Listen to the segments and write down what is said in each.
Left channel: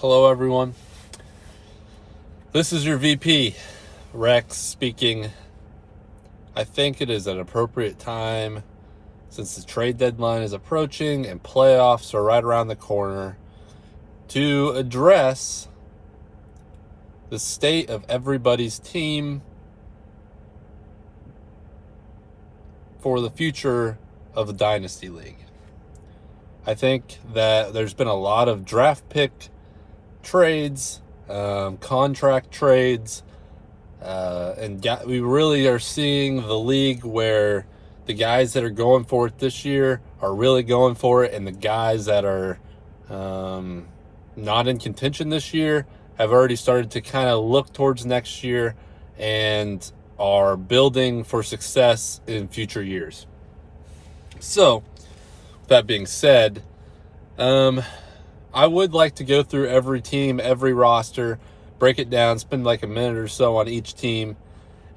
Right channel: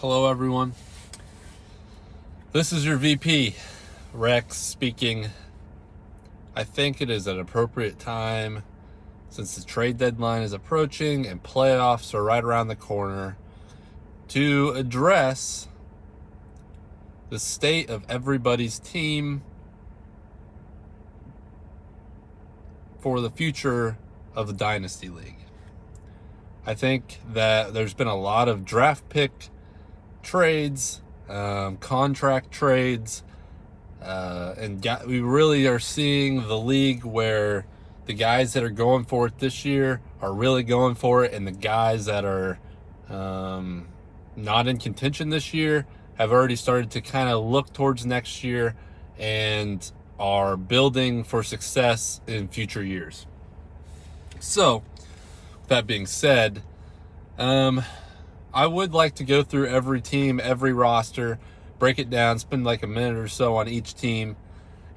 Hello, everyone. This is your VP, Rex, speaking. I think it is an appropriate time, since the trade deadline is approaching and playoffs are right around the corner, to address the state of everybody's team for the future of the Dynasty League. I think that there's been a lot of draft pick trades, contract trades, and we really are seeing the league where the guys that are going for it this year are really going for it, and the guys that are not in contention this year have already started to kind of look towards next year and are building for success in future years. So, with that being said, I would like to go through every team, every roster, break it down, spend like a minute or so on each team,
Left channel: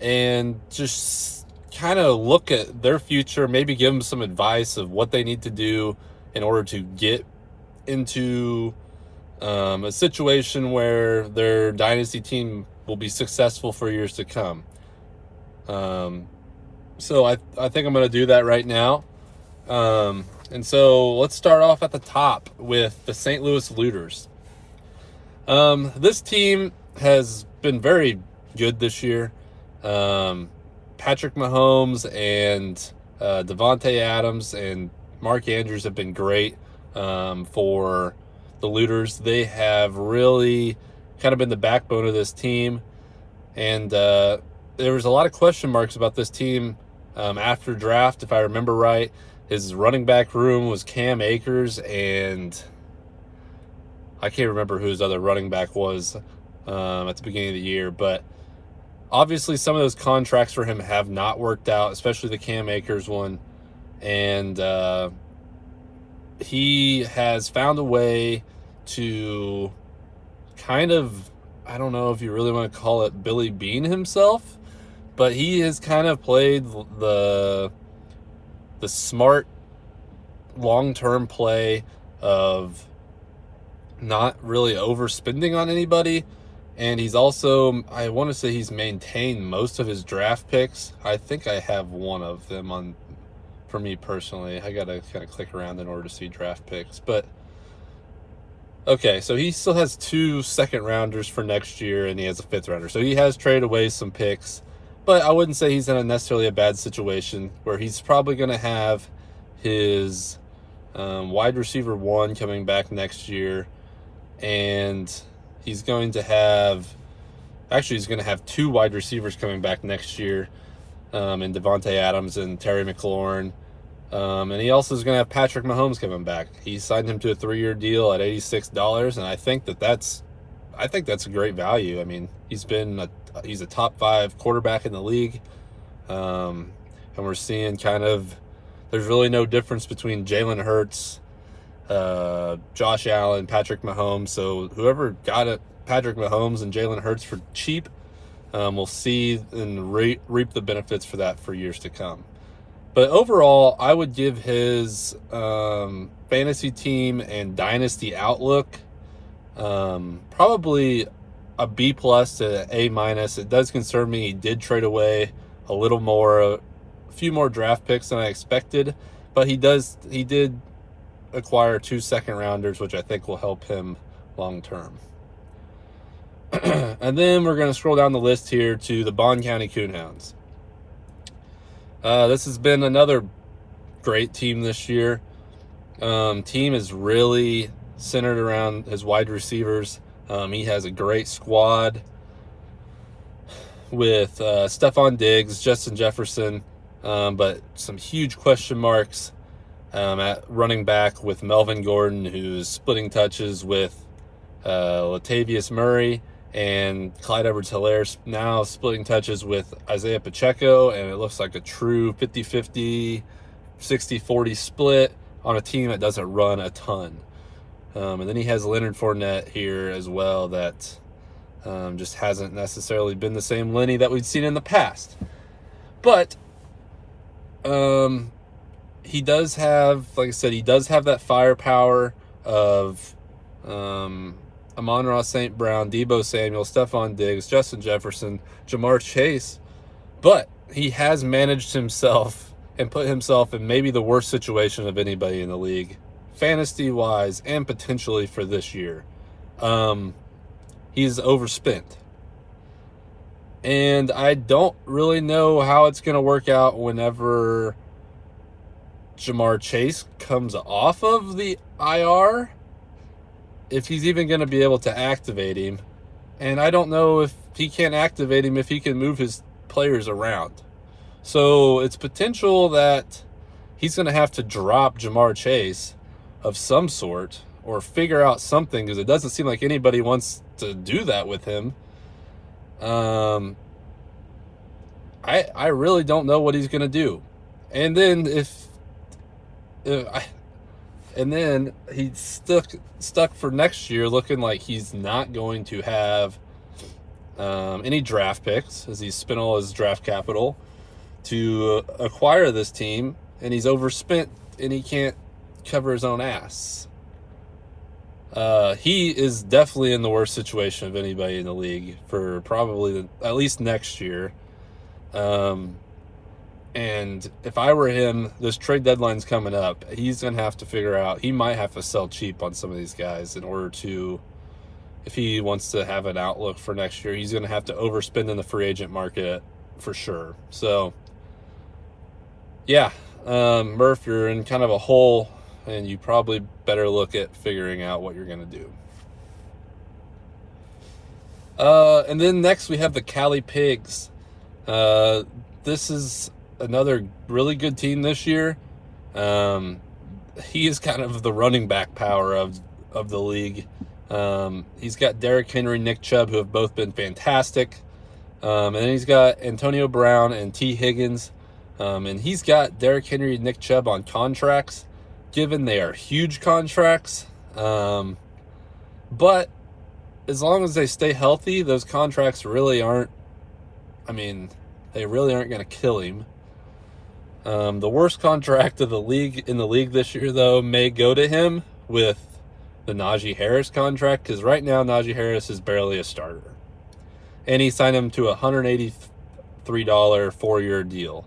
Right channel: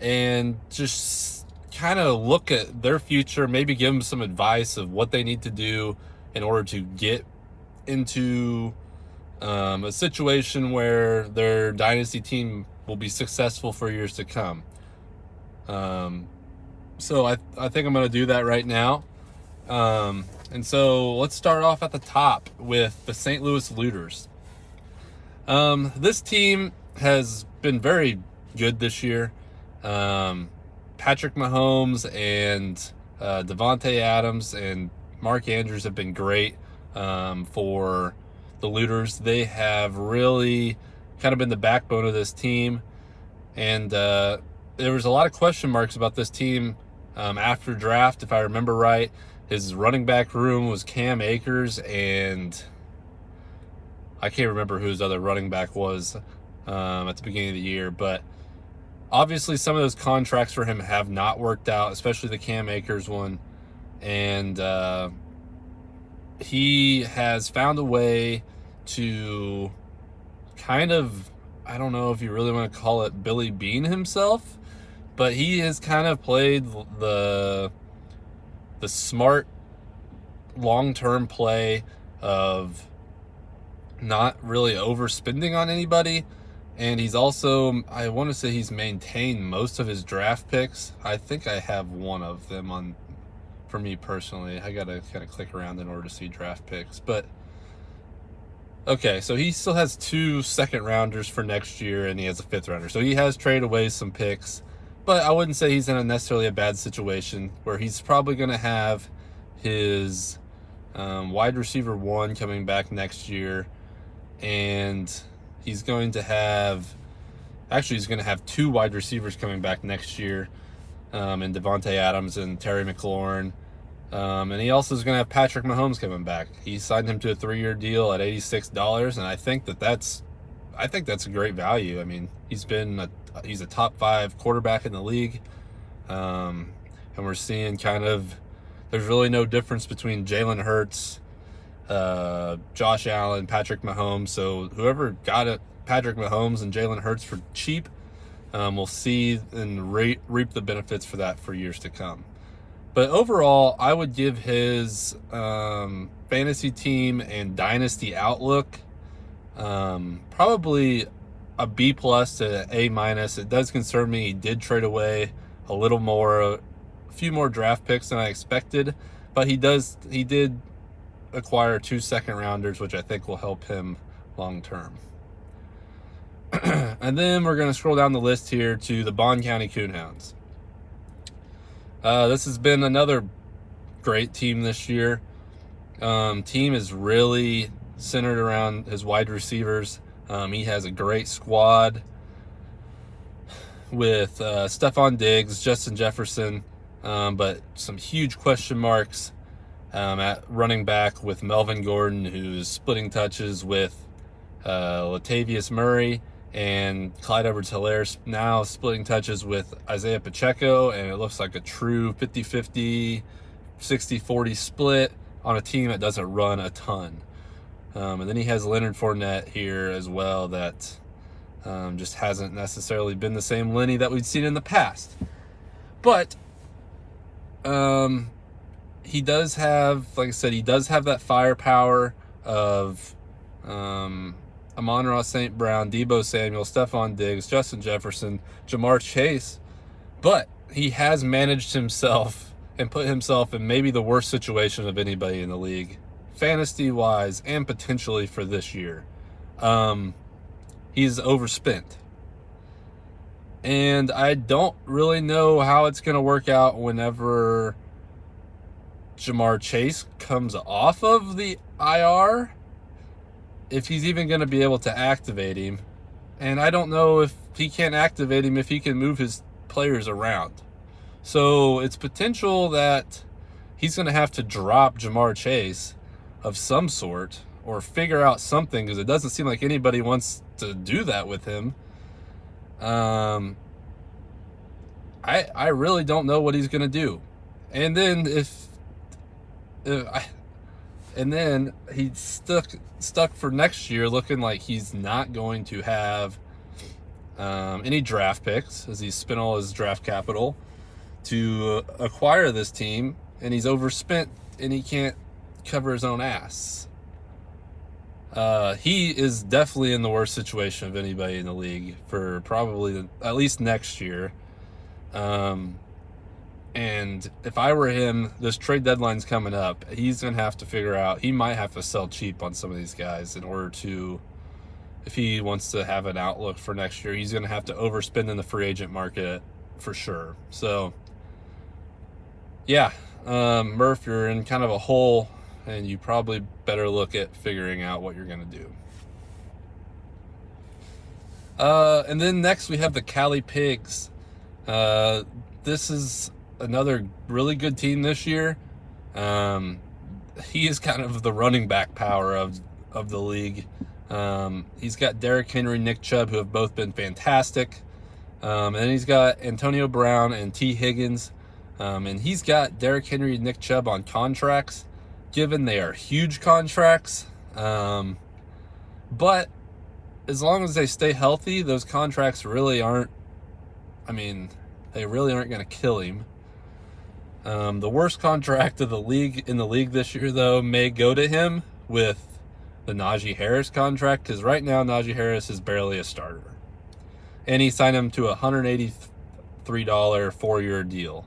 and just kind of look at their future, maybe give them some advice of what they need to do in order to get into a situation where their dynasty team will be successful for years to come. So I think I'm going to do that right now. And so let's start off at the top with the St. Louis Looters. This team has been very good this year. Patrick Mahomes and Davante Adams and Mark Andrews have been great for the Looters. They have really kind of been the backbone of this team. And there was a lot of question marks about this team after draft, if I remember right. His running back room was Cam Akers, and I can't remember who his other running back was at the beginning of the year. But obviously some of those contracts for him have not worked out, especially the Cam Akers one. And he has found a way to kind of, I don't know if you really want to call it Billy Bean himself, but he has kind of played the smart long-term play of not really overspending on anybody. And he's also, I want to say he's maintained most of his draft picks. I think I have one of them on for me personally. I gotta kind of click around in order to see draft picks. But okay, so he still has 2 second rounders for next year, and he has a 5th rounder. So he has traded away some picks. But I wouldn't say he's in necessarily a bad situation, where he's probably going to have his wide receiver 1 coming back next year. And he's going to have 2 wide receivers coming back next year in Davante Adams and Terry McLaurin. And he also is going to have Patrick Mahomes coming back. He signed him to a 3-year deal at $86, and I think that's a great value. I mean, he's a top 5 quarterback in the league. And we're seeing there's really no difference between Jalen Hurts, Josh Allen, Patrick Mahomes. So whoever got it, Patrick Mahomes and Jalen Hurts for cheap, will see and reap the benefits for that for years to come. But overall, I would give his fantasy team and dynasty outlook probably a B+ to A-. It does concern me he did trade away a few more draft picks than I expected, but he did acquire 2 second rounders, which I think will help him long term. And then we're going to scroll down the list here to the Bond County Coonhounds. This has been another great team this year. Team is really centered around his wide receivers. He has a great squad with Stephon Diggs, Justin Jefferson, but some huge question marks at running back with Melvin Gordon, who's splitting touches with Latavius Murray, and Clyde Edwards-Helaire now splitting touches with Isaiah Pacheco, and it looks like a true 50-50, 60-40 split on a team that doesn't run a ton. And then he has Leonard Fournette here as well, that just hasn't necessarily been the same Lenny that we've seen in the past. But he does have, like I said, he does have that firepower of Amon-Ra St. Brown, Debo Samuel, Stephon Diggs, Justin Jefferson, Jamar Chase, but he has managed himself and put himself in maybe the worst situation of anybody in the league, fantasy-wise and potentially for this year. He's overspent. And I don't really know how it's going to work out whenever Jamar Chase comes off of the IR, if he's even going to be able to activate him. And I don't know if he can't activate him if he can move his players around. So it's potential that he's going to have to drop Jamar Chase of some sort or figure out something, because it doesn't seem like anybody wants to do that with him. I really don't know what he's going to do. And then and then he's stuck for next year, looking like he's not going to have any draft picks, as he's spent all his draft capital to acquire this team, and he's overspent, and he can't cover his own ass. He is definitely in the worst situation of anybody in the league for probably at least next year. And if I were him, this trade deadline's coming up. He's going to have to figure out, he might have to sell cheap on some of these guys in order to, if he wants to have an outlook for next year, he's going to have to overspend in the free agent market for sure. So, yeah, Murph, you're in kind of a hole, and you probably better look at figuring out what you're going to do. And then next we have the Cali Pigs. This is another really good team this year. He is kind of the running back power of the league. He's got Derrick Henry, Nick Chubb, who have both been fantastic. And then he's got Antonio Brown and T. Higgins. And he's got Derrick Henry and Nick Chubb on contracts, given they are huge contracts. But as long as they stay healthy, those contracts really aren't, they really aren't going to kill him. The worst contract of the league in the league this year, though, may go to him with the Najee Harris contract, because right now Najee Harris is barely a starter. And he signed him to a $183 4-year deal.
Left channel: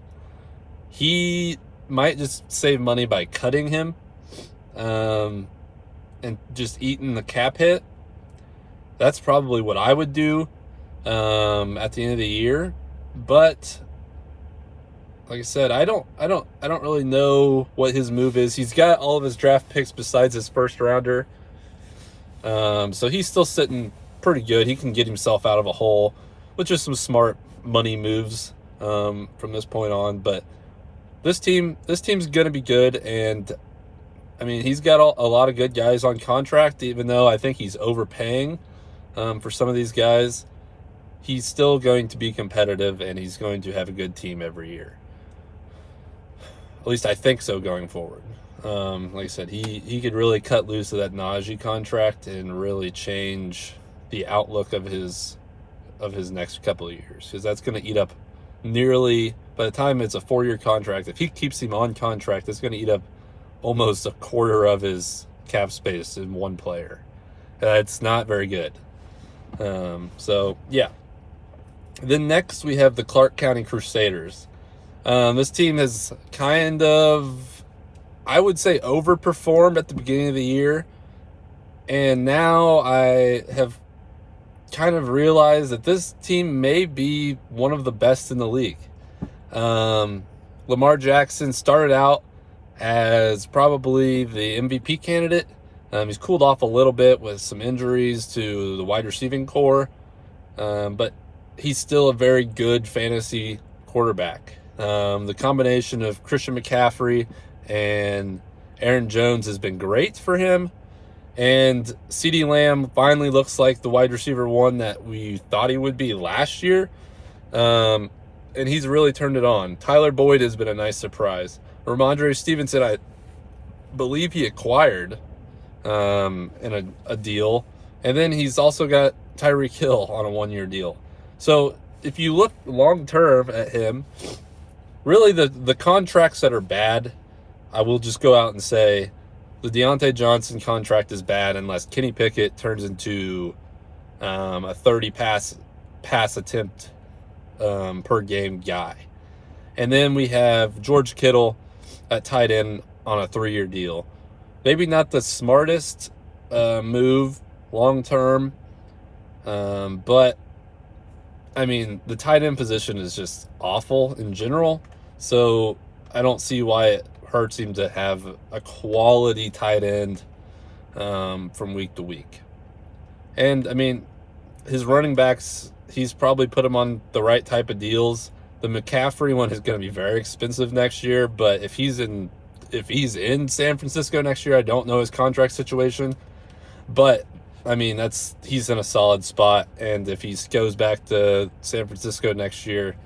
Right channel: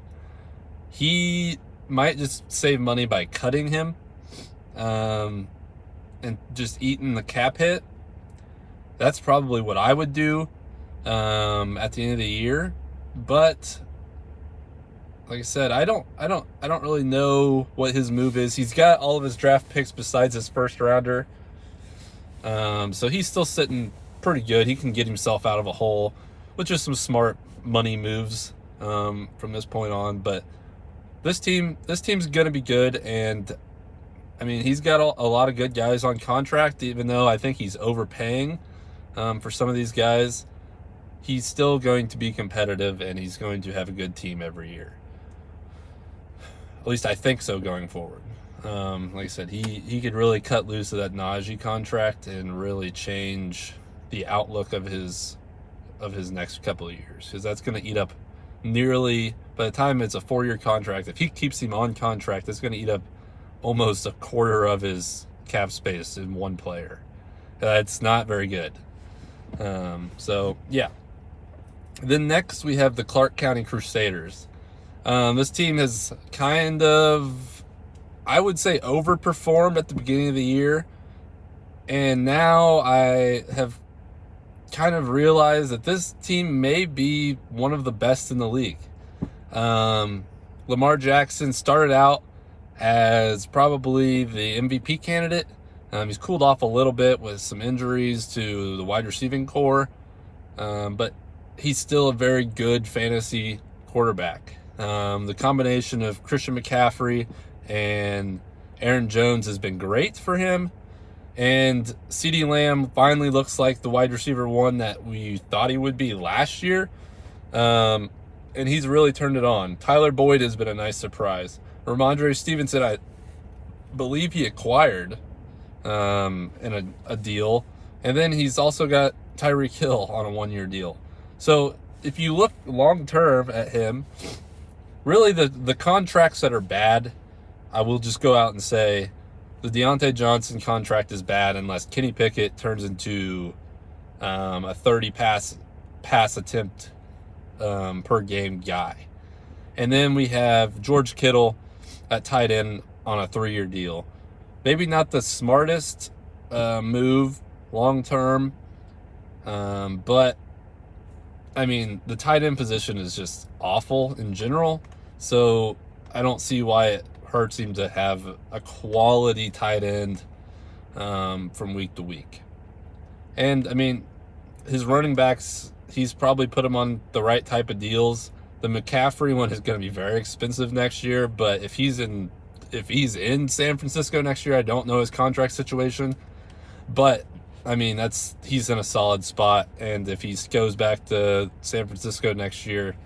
He might just save money by cutting him and just eating the cap hit. That's probably what I would do at the end of the year. But like I said, I don't really know what his move is. He's got all of his draft picks besides his first rounder. So he's still sitting pretty good. He can get himself out of a hole with just some smart money moves from this point on. But this team's going to be good, and he's got a lot of good guys on contract, even though I think he's overpaying for some of these guys. He's still going to be competitive, and he's going to have a good team every year. At least I think so going forward. Like I said, he could really cut loose of that Najee contract and really change the outlook of his next couple of years, because that's going to eat up nearly, by the time it's a 4-year contract, if he keeps him on contract, it's going to eat up almost a quarter of his cap space in one player. That's not very good. So yeah. Then next we have the Clark County Crusaders. This team has kind of, I would say, overperformed at the beginning of the year. And now I have kind of realized that this team may be one of the best in the league. Lamar Jackson started out as probably the MVP candidate. He's cooled off a little bit with some injuries to the wide receiving core. But he's still a very good fantasy quarterback. The combination of Christian McCaffrey and Aaron Jones has been great for him. And CeeDee Lamb finally looks like the wide receiver one that we thought he would be last year. And he's really turned it on. Tyler Boyd has been a nice surprise. Ramondre Stevenson, I believe he acquired in a deal. And then he's also got Tyreek Hill on a 1-year deal. So if you look long-term at him, really the contracts that are bad, I will just go out and say the Deontay Johnson contract is bad unless Kenny Pickett turns into a 30 pass attempt per game guy. And then we have George Kittle at tight end on a 3-year deal. Maybe not the smartest move long term, but I mean, the tight end position is just awful in general. So I don't see why it hurts him to have a quality tight end from week to week. And I mean, his running backs, he's probably put them on the right type of deals. The McCaffrey one is going to be very expensive next year, but if he's in San Francisco next year, I don't know his contract situation. But I mean, he's in a solid spot, and if he goes back to San Francisco next year,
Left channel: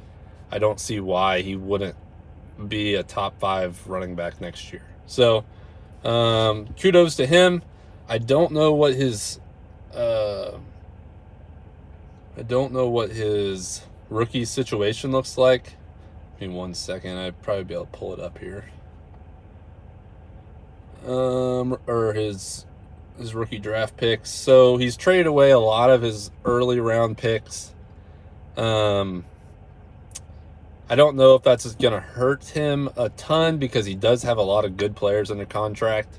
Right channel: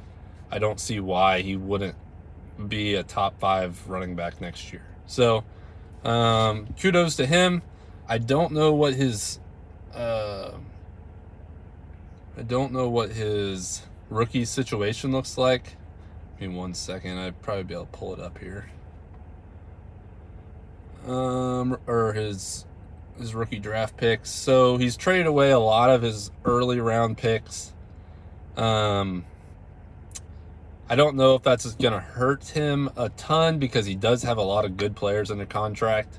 I don't see why he wouldn't be a top 5 running back next year. So kudos to him. I don't know what his rookie situation looks like. Give me 1 second. I'd probably be able to pull it up here. Or his rookie draft picks. So he's traded away a lot of his early round picks. I don't know if that's going to hurt him a ton because he does have a lot of good players under contract.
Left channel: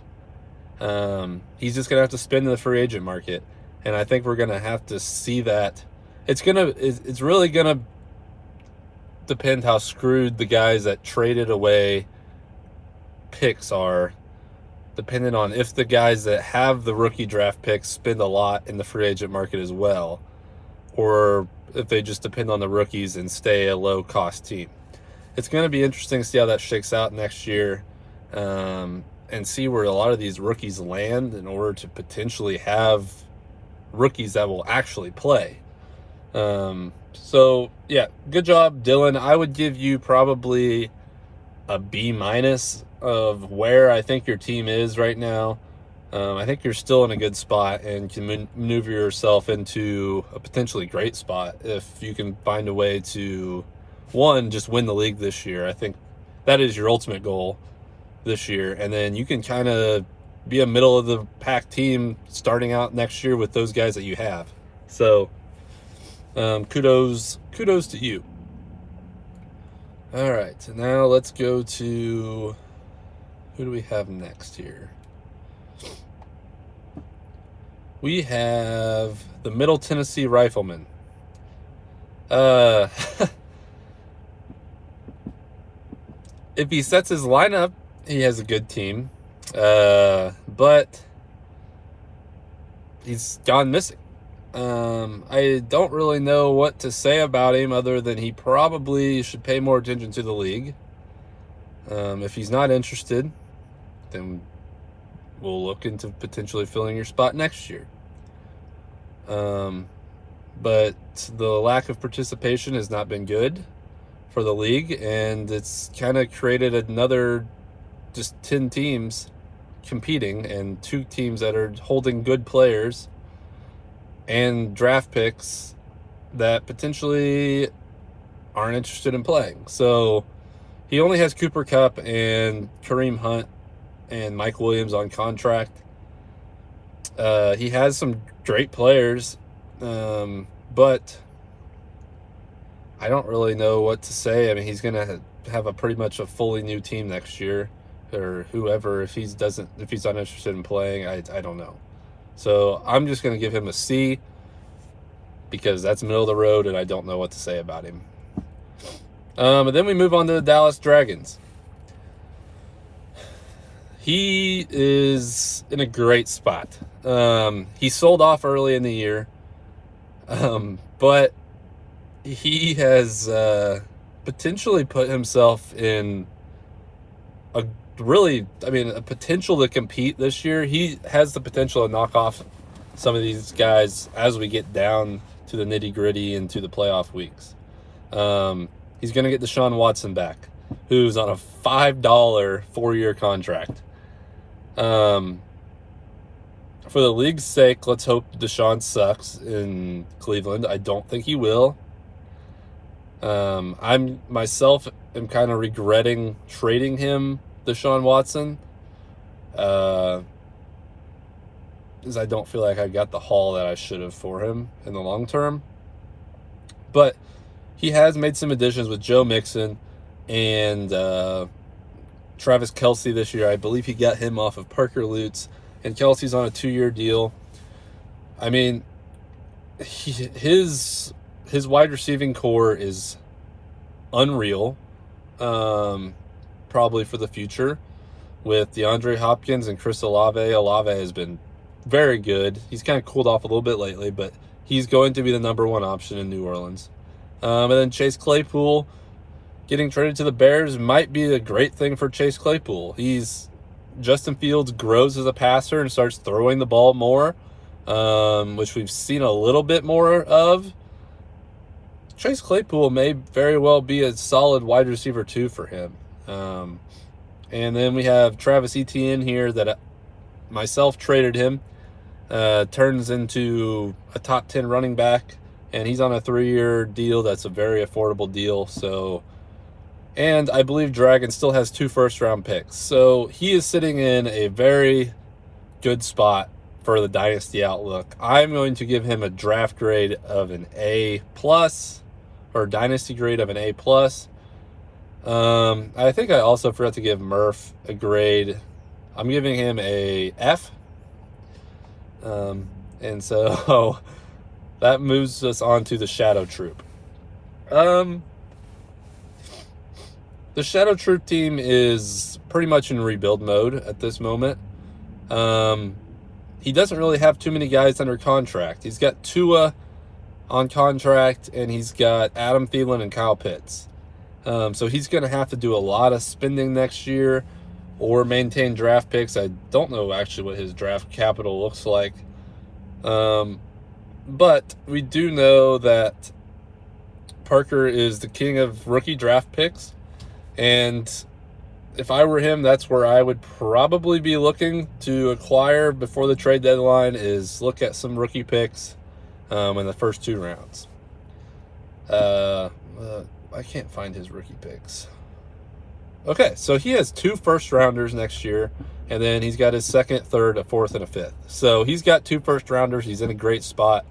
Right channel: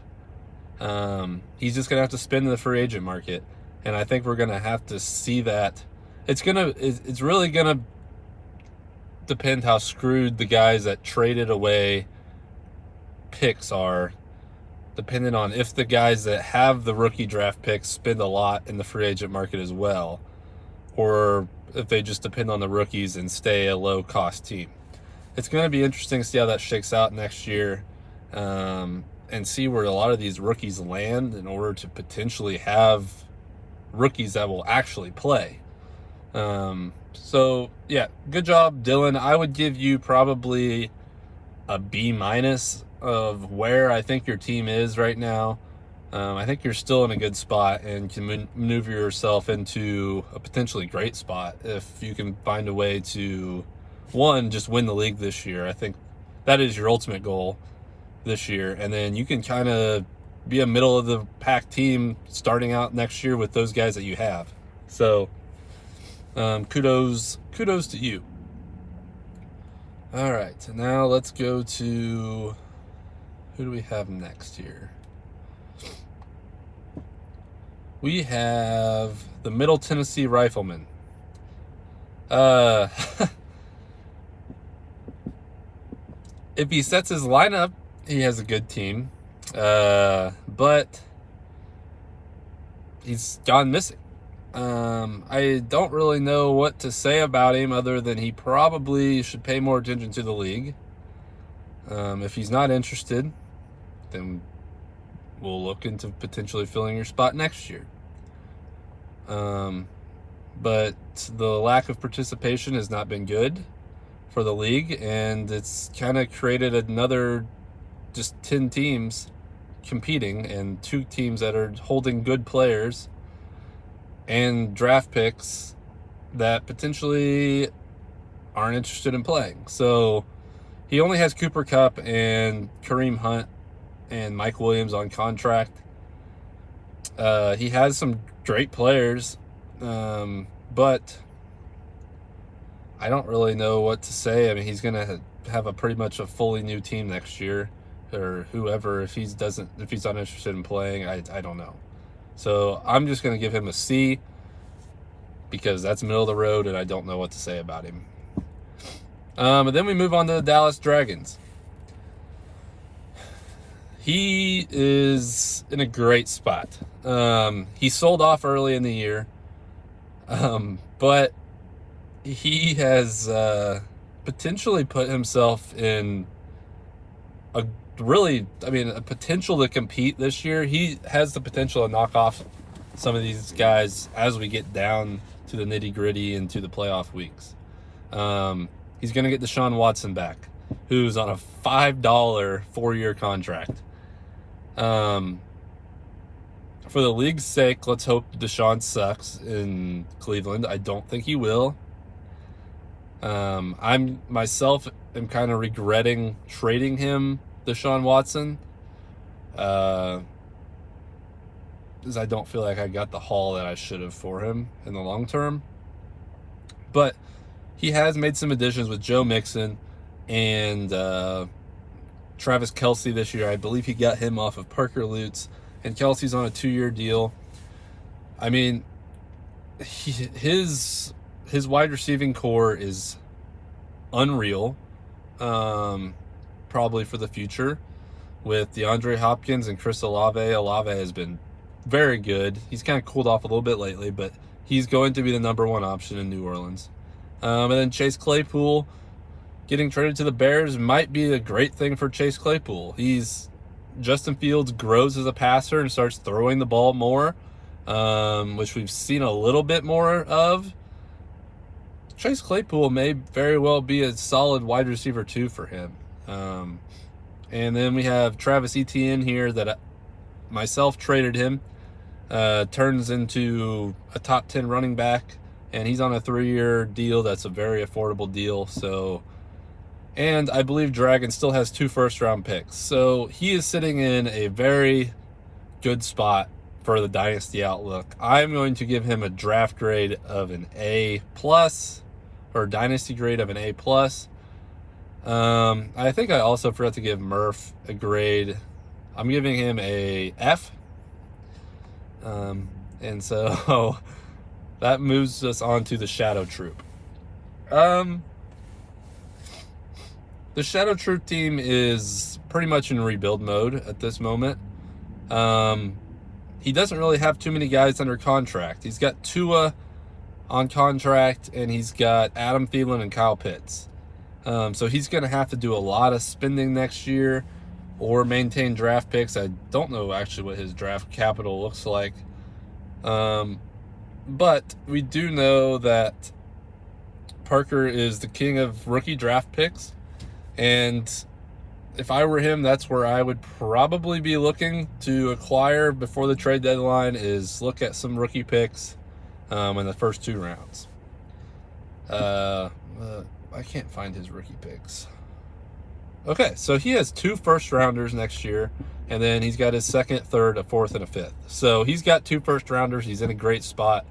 He's just going to have to spend in the free agent market. And I think we're going to have to see that. It's really going to depend how screwed the guys that traded away picks are, depending on if the guys that have the rookie draft picks spend a lot in the free agent market as well, or if they just depend on the rookies and stay a low-cost team. It's going to be interesting to see how that shakes out next year, and see where a lot of these rookies land in order to potentially have rookies that will actually play. So, yeah, good job, Dylan. I would give you probably a B- of where I think your team is right now. I think you're still in a good spot and can maneuver yourself into a potentially great spot if you can find a way to, one, just win the league this year. I think that is your ultimate goal this year. And then you can kind of be a middle-of-the-pack team starting out next year with those guys that you have. So kudos to you. All right, so now let's go to, who do we have next here? We have the Middle Tennessee Rifleman. If he sets his lineup, he has a good team. But he's gone missing. I don't really know what to say about him other than he probably should pay more attention to the league. If he's not interested, then we'll look into potentially filling your spot next year. But the lack of participation has not been good for the league, and it's kind of created another just 10 teams competing and 2 teams that are holding good players and draft picks that potentially aren't interested in playing. So he only has Cooper Kupp and Kareem Hunt and Mike Williams on contract. He has some great players, but I don't really know what to say. I mean, he's going to have a pretty much a fully new team next year, or whoever. If he's not interested in playing, I don't know. So I'm just going to give him a C because that's middle of the road, and I don't know what to say about him. And then we move on to the Dallas Dragons. He is in a great spot. He sold off early in the year, but he has potentially put himself in a potential to compete this year. He has the potential to knock off some of these guys as we get down to the nitty-gritty and to the playoff weeks. He's going to get Deshaun Watson back, who's on a $5 4-year contract. For the league's sake, let's hope Deshaun sucks in Cleveland. I don't think he will. I'm kind of regretting trading him, Deshaun Watson, Because I don't feel like I got the haul that I should have for him in the long term. But he has made some additions with Joe Mixon and Travis Kelce this year. I believe he got him off of Parker Lutz, and Kelce's on a 2-year deal. I mean, his wide receiving core is unreal, probably for the future, with DeAndre Hopkins and Chris Olave. Olave has been very good. He's kind of cooled off a little bit lately, but he's going to be the number one option in New Orleans. And then Chase Claypool getting traded to the Bears might be a great thing for Chase Claypool. Justin Fields grows as a passer and starts throwing the ball more, which we've seen a little bit more of. Chase Claypool may very well be a solid wide receiver too for him. And then we have Travis Etienne here that myself traded him. Turns into a top 10 running back, and he's on a 3-year deal. That's a very affordable deal. And I believe Dragon still has 2 first-round picks. So he is sitting in a very good spot for the Dynasty outlook. I'm going to give him a draft grade of an A+, or Dynasty grade of an A+. I think I also forgot to give Murph a grade. I'm giving him a F. And so that moves us on to the Shadow Troop. The Shadow Troop team is pretty much in rebuild mode at this moment. He doesn't really have too many guys under contract. He's got Tua on contract, and he's got Adam Thielen and Kyle Pitts. So he's going to have to do a lot of spending next year or maintain draft picks. I don't know actually what his draft capital looks like. But we do know that Parker is the king of rookie draft picks. And if I were him, that's where I would probably be looking to acquire before the trade deadline, is look at some rookie picks in the first 2 rounds. I can't find his rookie picks. Okay, so he has 2 first-rounders next year, and then he's got his 2nd, 3rd, a 4th, and a 5th. So he's got 2 first-rounders. He's in a great spot.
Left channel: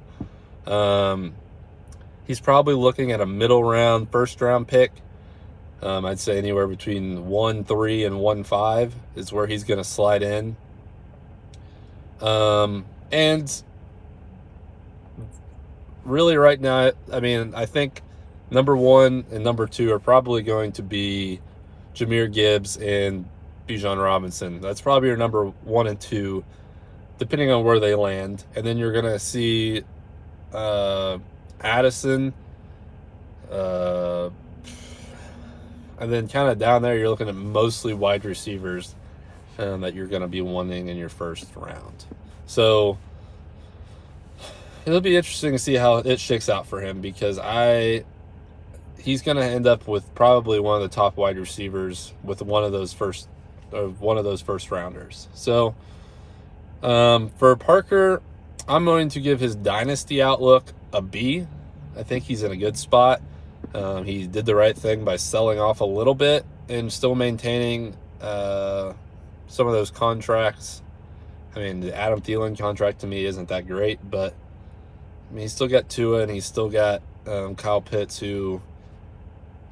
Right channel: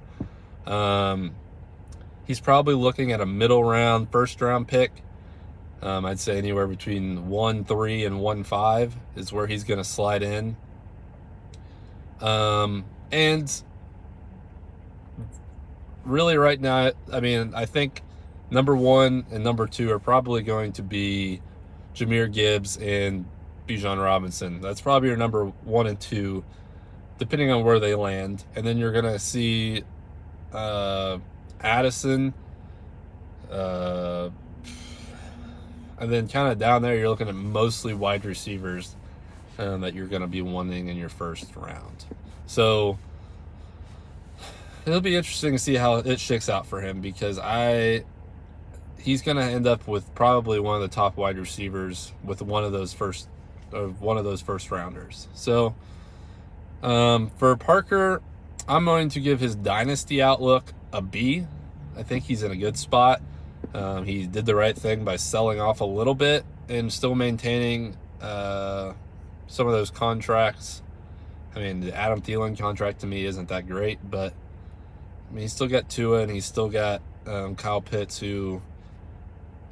He's probably looking at a middle-round first-round pick. I'd say anywhere between 1.3 and 1.5 is where he's going to slide in. And really right now, I mean, I think number 1 and number 2 are probably going to be Jahmyr Gibbs and Bijan Robinson. That's probably your number 1 and 2, depending on where they land. And then you're going to see Addison, and then kind of down there, you're looking at mostly wide receivers that you're going to be wanting in your first round. So it'll be interesting to see how it shakes out for him, because he's going to end up with probably one of the top wide receivers with one of those first rounders. So for Parker, I'm going to give his Dynasty outlook a B. I think he's in a good spot. He did the right thing by selling off a little bit and still maintaining some of those contracts. I mean, the Adam Thielen contract to me isn't that great, but I mean, he's still got Tua and he's still got Kyle Pitts, who,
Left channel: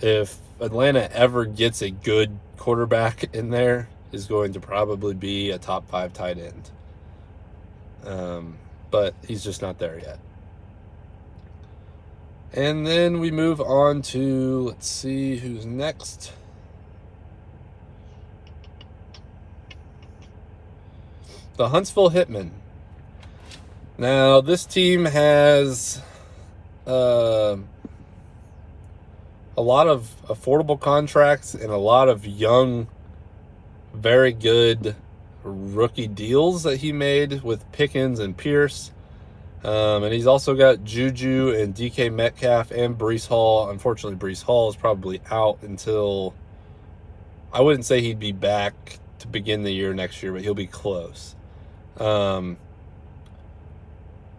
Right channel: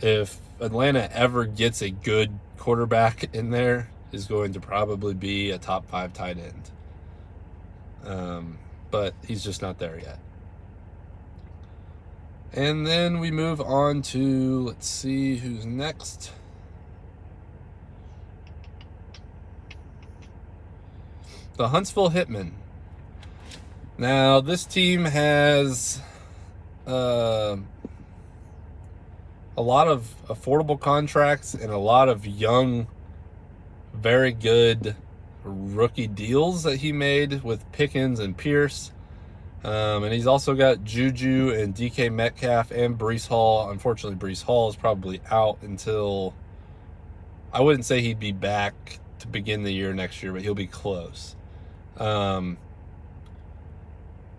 if Atlanta ever gets a good quarterback in there, is going to probably be a top 5 tight end. But he's just not there yet. And then we move on to, let's see who's next. The Huntsville Hitmen. Now, this team has a lot of affordable contracts and a lot of young, very good rookie deals that he made with Pickens and Pierce. And he's also got Juju and DK Metcalf and Breece Hall. Unfortunately, Breece Hall is probably out until, I wouldn't say he'd be back to begin the year next year, but he'll be close.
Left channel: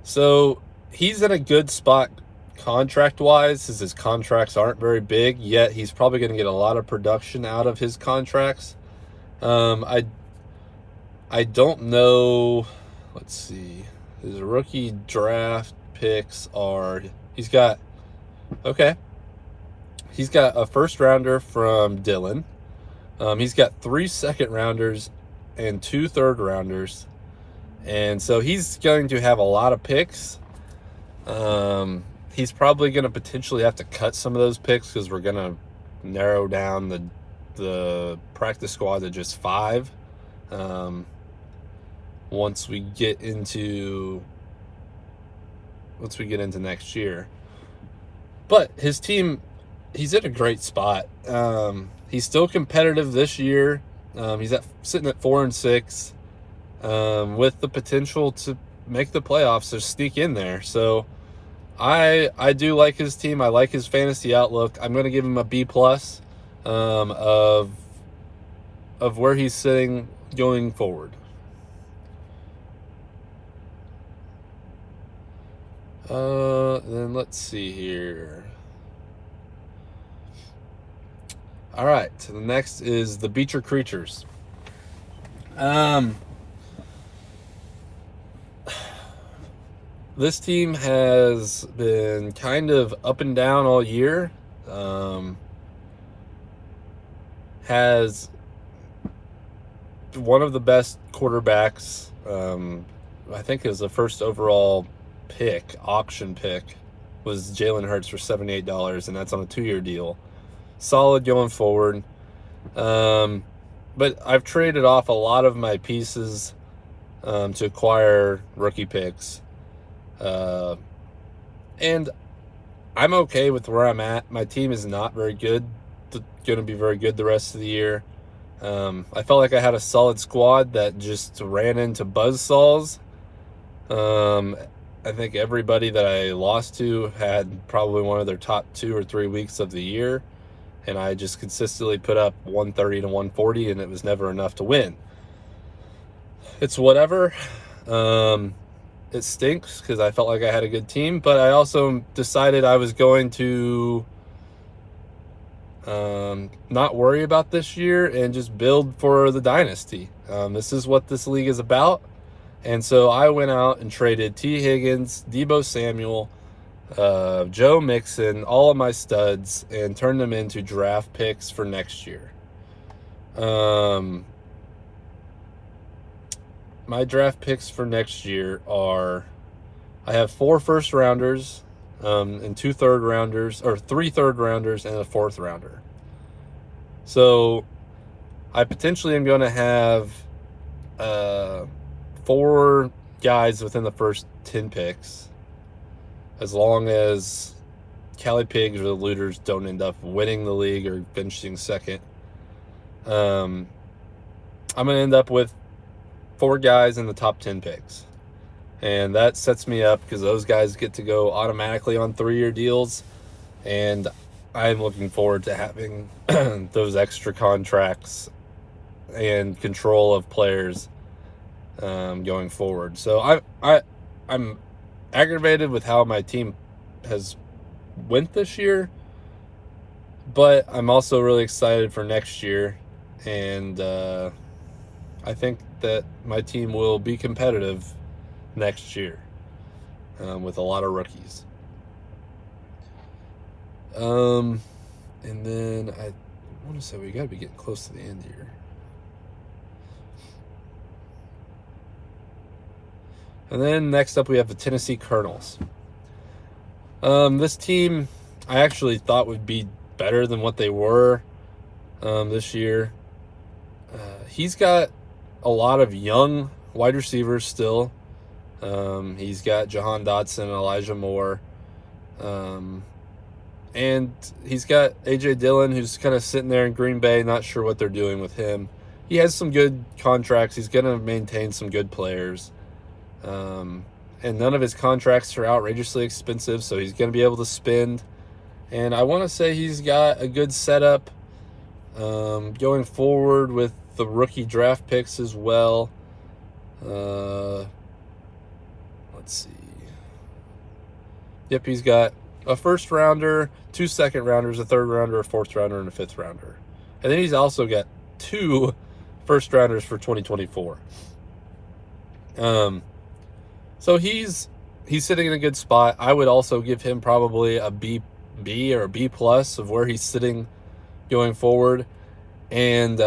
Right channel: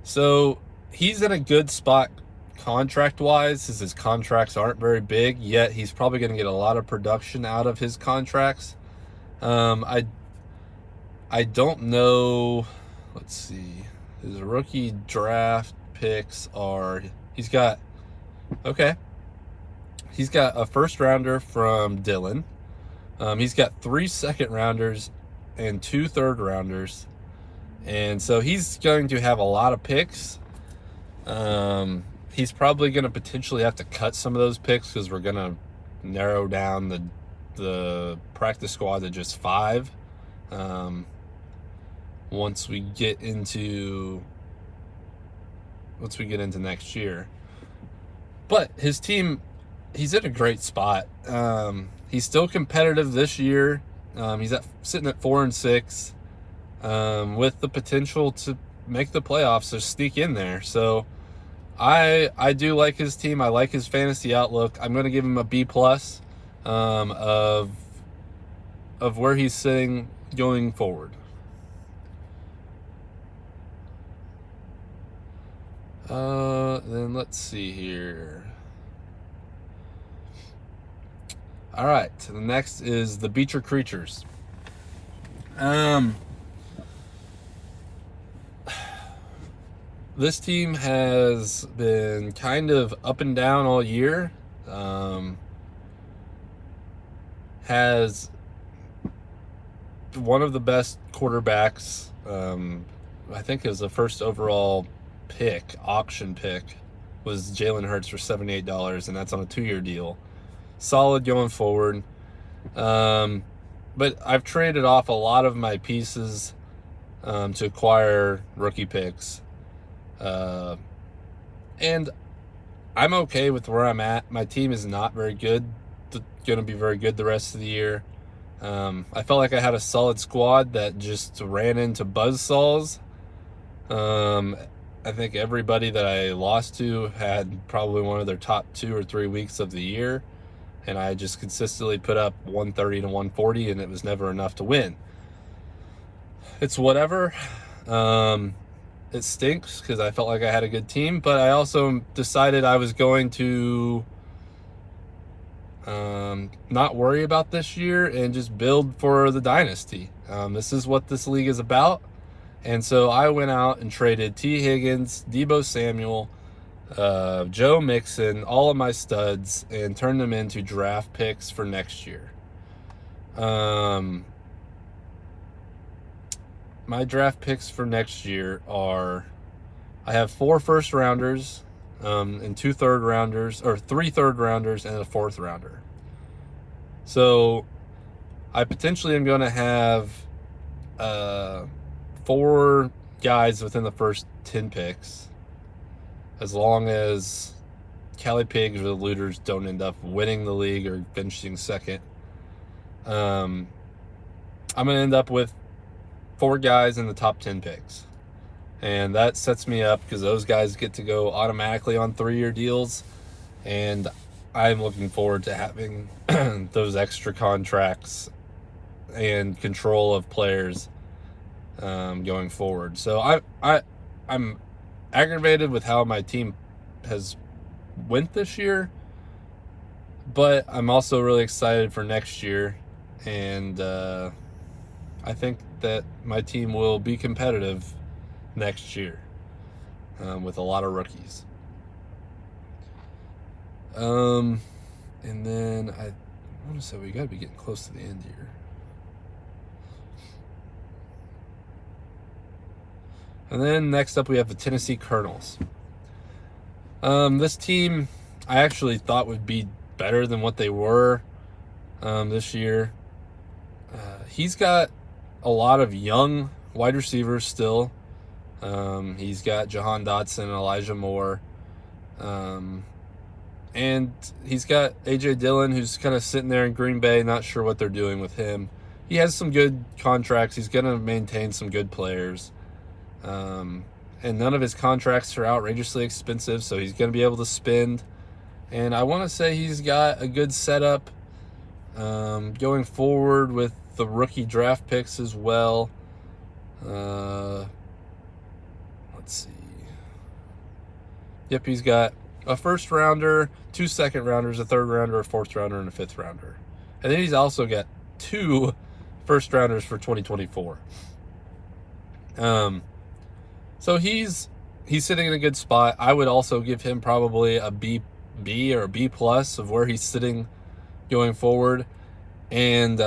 So he's in a good spot contract-wise, since his contracts aren't very big, yet he's probably going to get a lot of production out of his contracts. I don't know. Let's see. His rookie draft picks are. Okay. He's got a first rounder from Dylan. He's got 3 second rounders and 2 third rounders. And so he's going to have a lot of picks. He's probably going to potentially have to cut some of those picks because we're going to narrow down the practice squad to just 5. Once we get into next year. But his team, he's in a great spot. He's still competitive this year. He's sitting at 4-6, with the potential to make the playoffs or sneak in there. So I do like his team. I like his fantasy outlook. I'm going to give him a B+, of where he's sitting going forward. Then let's see here. All right, so the next is the Beecher Creatures. This team has been kind of up and down all year. Has one of the best quarterbacks. I think it was the first overall auction pick, was Jalen Hurts for $78, and that's on a 2-year deal. Solid going forward. But I've traded off a lot of my pieces to acquire rookie picks. And I'm okay with where I'm at. My team is not very good. Going to be very good the rest of the year. I felt like I had a solid squad that just ran into buzzsaws. I think everybody that I lost to had probably one of their top 2 or 3 weeks of the year. And I just consistently put up 130 to 140, and it was never enough to win. It's whatever. It stinks because I felt like I had a good team, but I also decided I was going to not worry about this year and just build for the Dynasty. This is what this league is about. And so I went out and traded T. Higgins, Deebo Samuel, Joe Mixon, all of my studs, and turned them into draft picks for next year. My draft picks for next year are, I have 4 first rounders, and 2 third rounders, or 3 third rounders and a 4th rounder. So I potentially am going to have 4 guys within the first 10 picks, as long as Cali Pigs or the Looters don't end up winning the league or finishing second. I'm going to end up with 4 guys in the top 10 picks. And that sets me up because those guys get to go automatically on 3-year deals. And I'm looking forward to having those extra contracts and control of players going forward. So I'm aggravated with how my team has went this year, but I'm also really excited for next year, and I think that my team will be competitive next year with a lot of rookies. And then I want to say we got to be getting close to the end here. And then next up we have the Tennessee Colonels. This team I actually thought would be better than what they were this year. He's got a lot of young wide receivers still. He's got Jahan Dotson and Elijah Moore. And he's got A.J. Dillon, who's kind of sitting there in Green Bay, not sure what they're doing with him. He has some good contracts. He's going to maintain some good players. And none of his contracts are outrageously expensive, so he's going to be able to spend. And I want to say he's got a good setup going forward with the rookie draft picks as well. Let's see. Yep, he's got a first rounder, 2 second rounders, a third rounder, a 4th rounder, and a 5th rounder. And then he's also got 2 first rounders for 2024. So he's sitting in a good spot. I would also give him probably a B or a B plus of where he's sitting going forward. And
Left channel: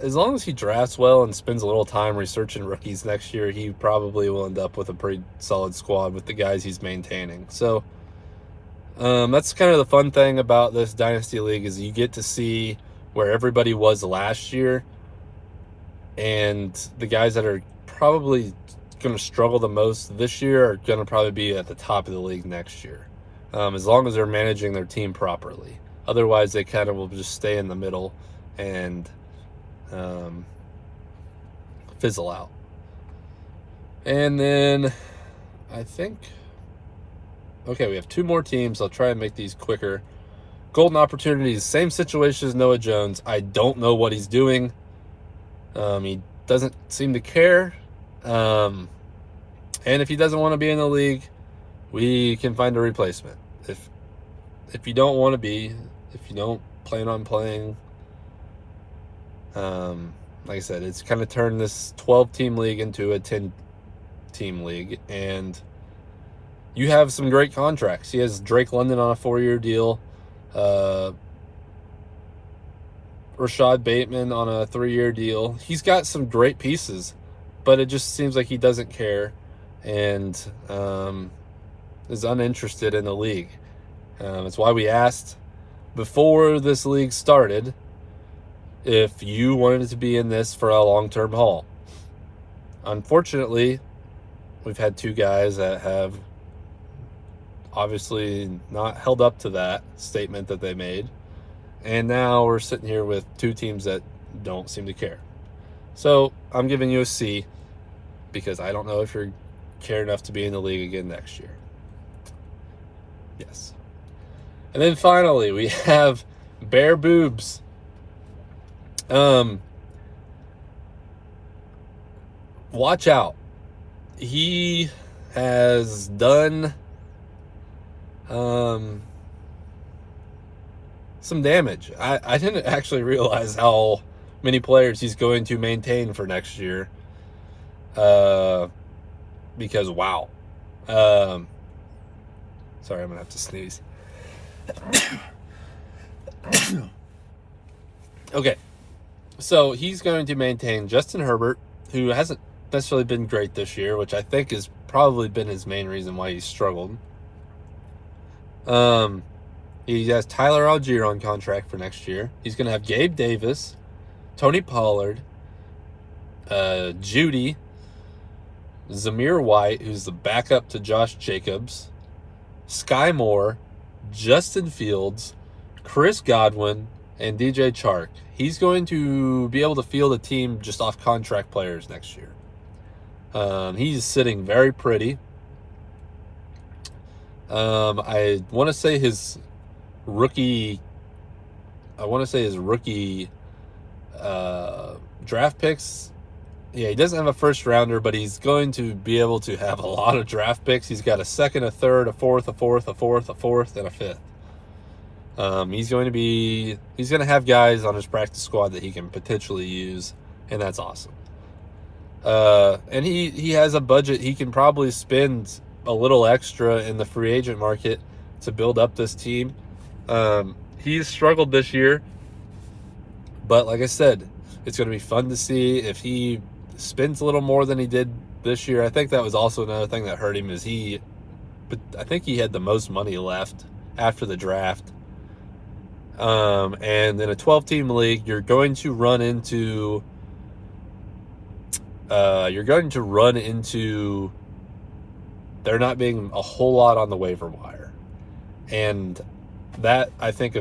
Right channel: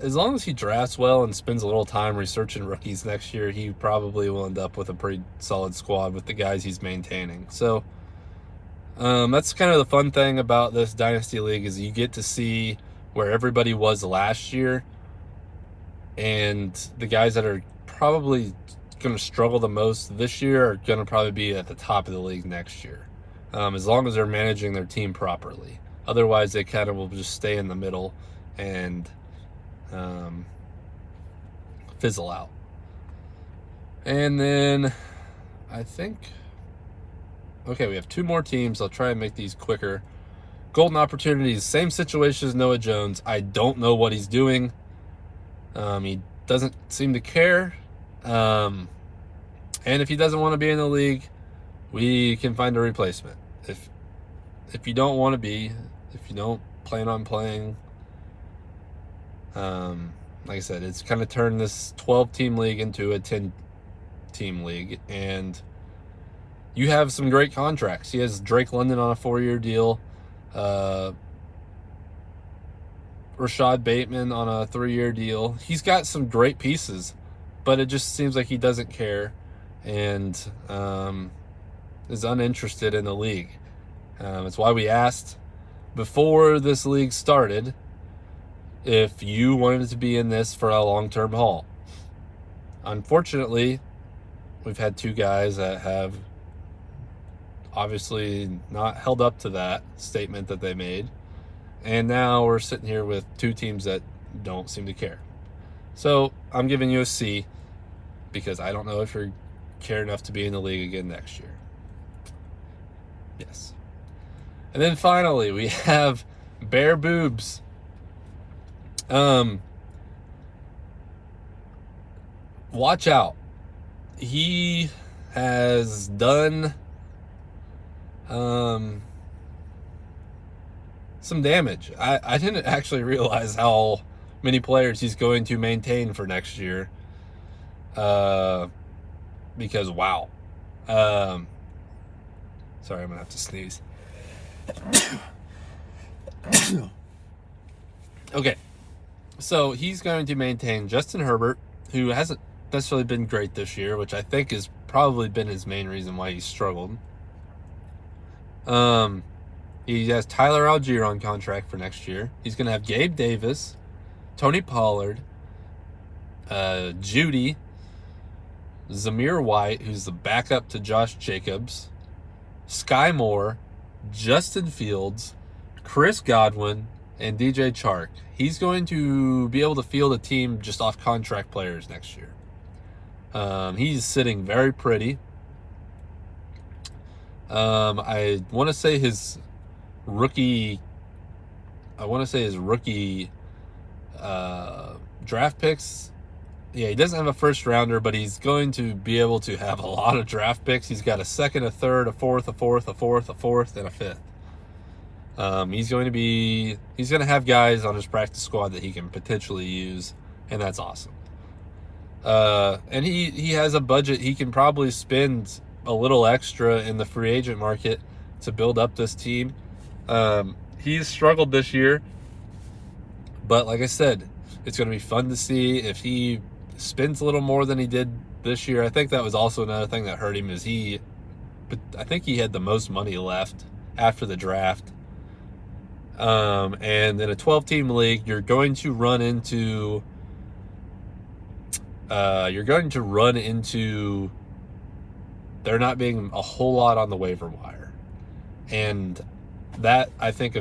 as long as he drafts well and spends a little time researching rookies next year, he probably will end up with a pretty solid squad with the guys he's maintaining. So that's kind of the fun thing about this Dynasty League is you get to see where everybody was last year, and the guys that are probably going to struggle the most this year are going to probably be at the top of the league next year, as long as they're managing their team properly. Otherwise, they kind of will just stay in the middle and fizzle out. And then I think, okay, we have two more teams. I'll try and make these quicker. Golden Opportunities, same situation as Noah Jones. I don't know what he's doing. He doesn't seem to care. And if he doesn't want to be in the league, we can find a replacement. If you don't want to be, if you don't plan on playing, like I said, it's kind of turned this 12-team league into a 10-team league, and you have some great contracts. He has Drake London on a 4-year deal, Rashad Bateman on a 3-year deal. He's got some great pieces, but it just seems like he doesn't care and is uninterested in the league. That's why we asked before this league started if you wanted to be in this for a long-term haul. Unfortunately, we've had two guys that have obviously not held up to that statement that they made. And now we're sitting here with two teams that don't seem to care. So I'm giving you a C because I don't know if you care enough to be in the league again next year. Yes. And then finally, we have Bear Boobs. Watch out. He has done some damage. I didn't actually realize how many players he's going to maintain for next year. Because wow. Sorry, I'm gonna have to sneeze. Okay, so he's going to maintain Justin Herbert, who hasn't necessarily been great this year, which I think has probably been his main reason why he's struggled. He has Tyler Algier on contract for next year. He's going to have Gabe Davis, Tony Pollard, Judy, Zamir White, who's the backup to Josh Jacobs, Sky Moore, Justin Fields, Chris Godwin, and DJ Chark. He's going to be able to field a team just off contract players next year. He's sitting very pretty. I want to say his rookie draft picks. Yeah, he doesn't have a first rounder, but he's going to be able to have a lot of draft picks. He's got a second, a third, a fourth, and a fifth. He's going to have guys on his practice squad that he can potentially use, and that's awesome. And he has a budget. He can probably spend a little extra in the free agent market to build up this team. He's struggled this year, but like I said, it's going to be fun to see if he spends a little more than he did this year. I think that was also another thing that hurt him is I think he had the most money left after the draft. And in a 12-team league, you're going to run into there not being a whole lot on the waiver wire. And that, I think,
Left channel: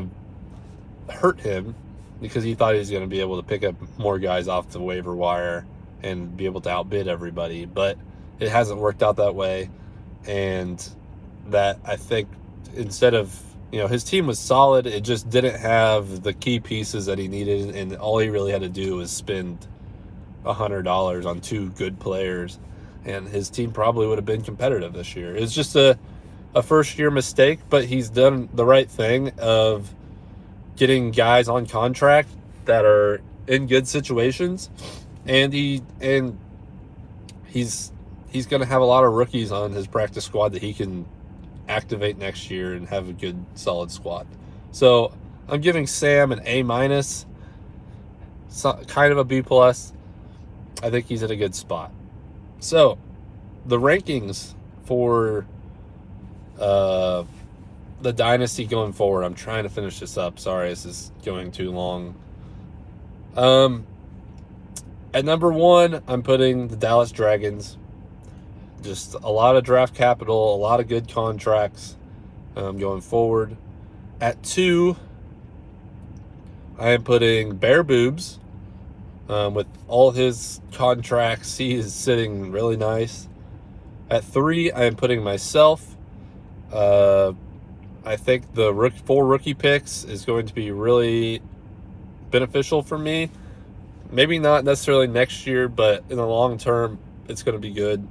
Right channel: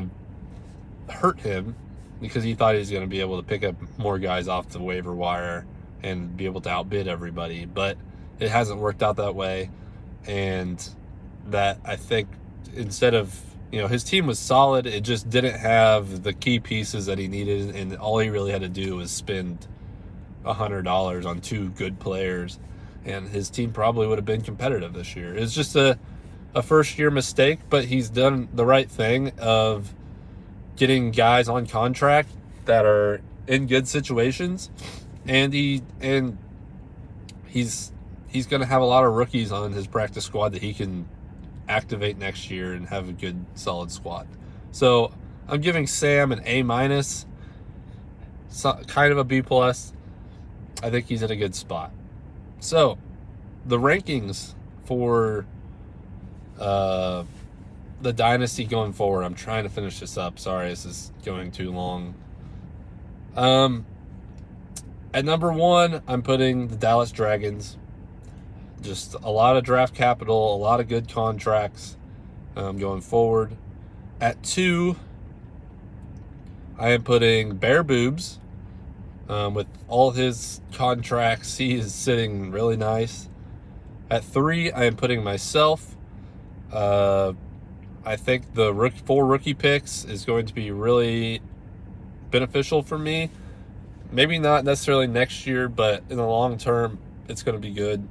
hurt him because he thought he was going to be able to pick up more guys off the waiver wire and be able to outbid everybody. But it hasn't worked out that way. And that, I think, instead of, his team was solid, it just didn't have the key pieces that he needed. And all he really had to do was spend $100 on two good players, and his team probably would have been competitive this year. It's just a first-year mistake, but he's done the right thing of getting guys on contract that are in good situations and he's going to have a lot of rookies on his practice squad that he can activate next year and have a good solid squad. So I'm giving Sam an A-, kind of a B+. I think he's in a good spot. So the rankings for the Dynasty going forward. I'm trying to finish this up. Sorry, this is going too long. At number 1, I'm putting the Dallas Dragons. Just a lot of draft capital, a lot of good contracts going forward. At 2, I am putting Bear Boobs. With all his contracts, he is sitting really nice. At 3, I am putting myself. I think the 4 rookie picks is going to be really beneficial for me. Maybe not necessarily next year, but in the long term, it's going to be good.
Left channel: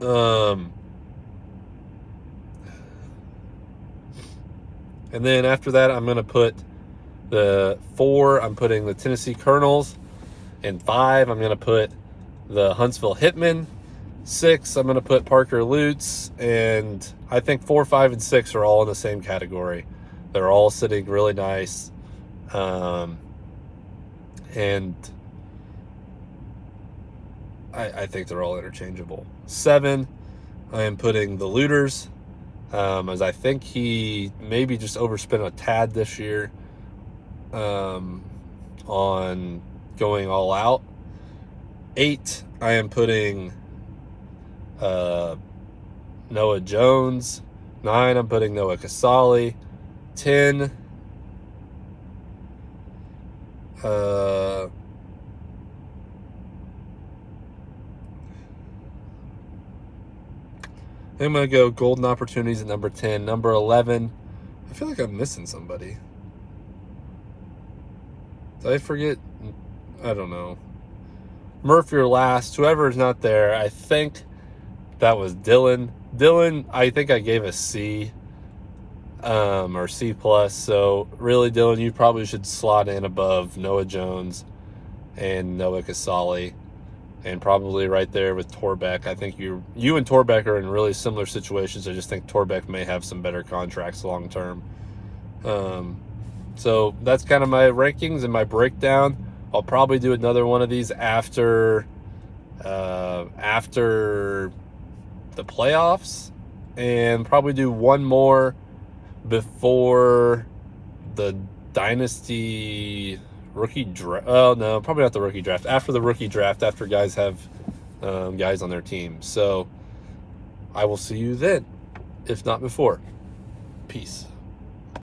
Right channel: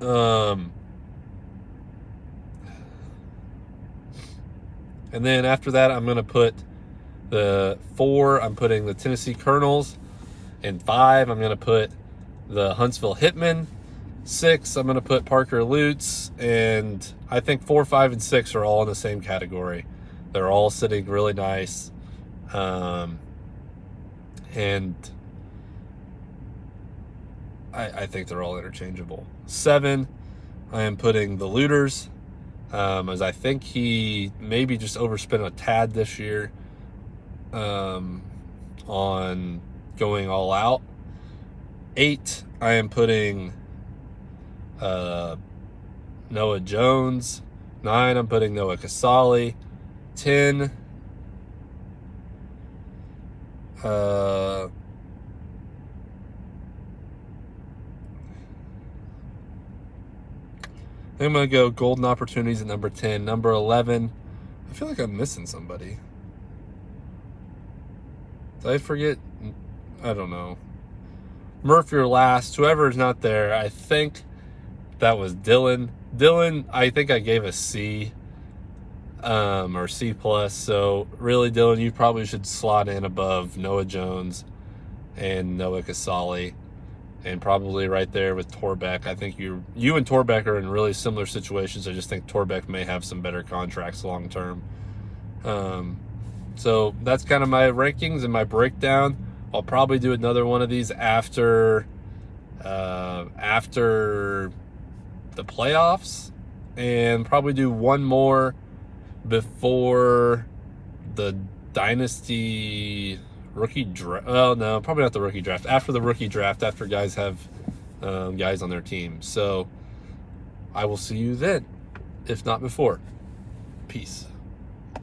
And then after that, I'm going to put the 4, I'm putting the Tennessee Colonels. And 5, I'm going to put the Huntsville Hitmen. 6, I'm going to put Parker Lutz. And I think 4, 5, and 6 are all in the same category. They're all sitting really nice. And I think they're all interchangeable. 7, I am putting the Looters, as I think he maybe just overspent a tad this year on going all out. 8, I am putting Noah Jones. 9, I'm putting Noah Casale. 10, I'm going to go Golden Opportunities at number 10. Number 11, I feel like I'm missing somebody. Did I forget? I don't know. Murphy or last, whoever is not there, I think that was Dylan. Dylan, I think I gave a C or C+. So really, Dylan, you probably should slot in above Noah Jones and Noah Casale. And probably right there with Torbeck. I think you and Torbeck are in really similar situations. I just think Torbeck may have some better contracts long term. So that's kind of my rankings and my breakdown. I'll probably do another one of these after the playoffs, and probably do one more before the Dynasty rookie draft. Oh no, probably not the rookie draft. After the rookie draft, after guys have guys on their team. So I will see you then, if not before. Peace.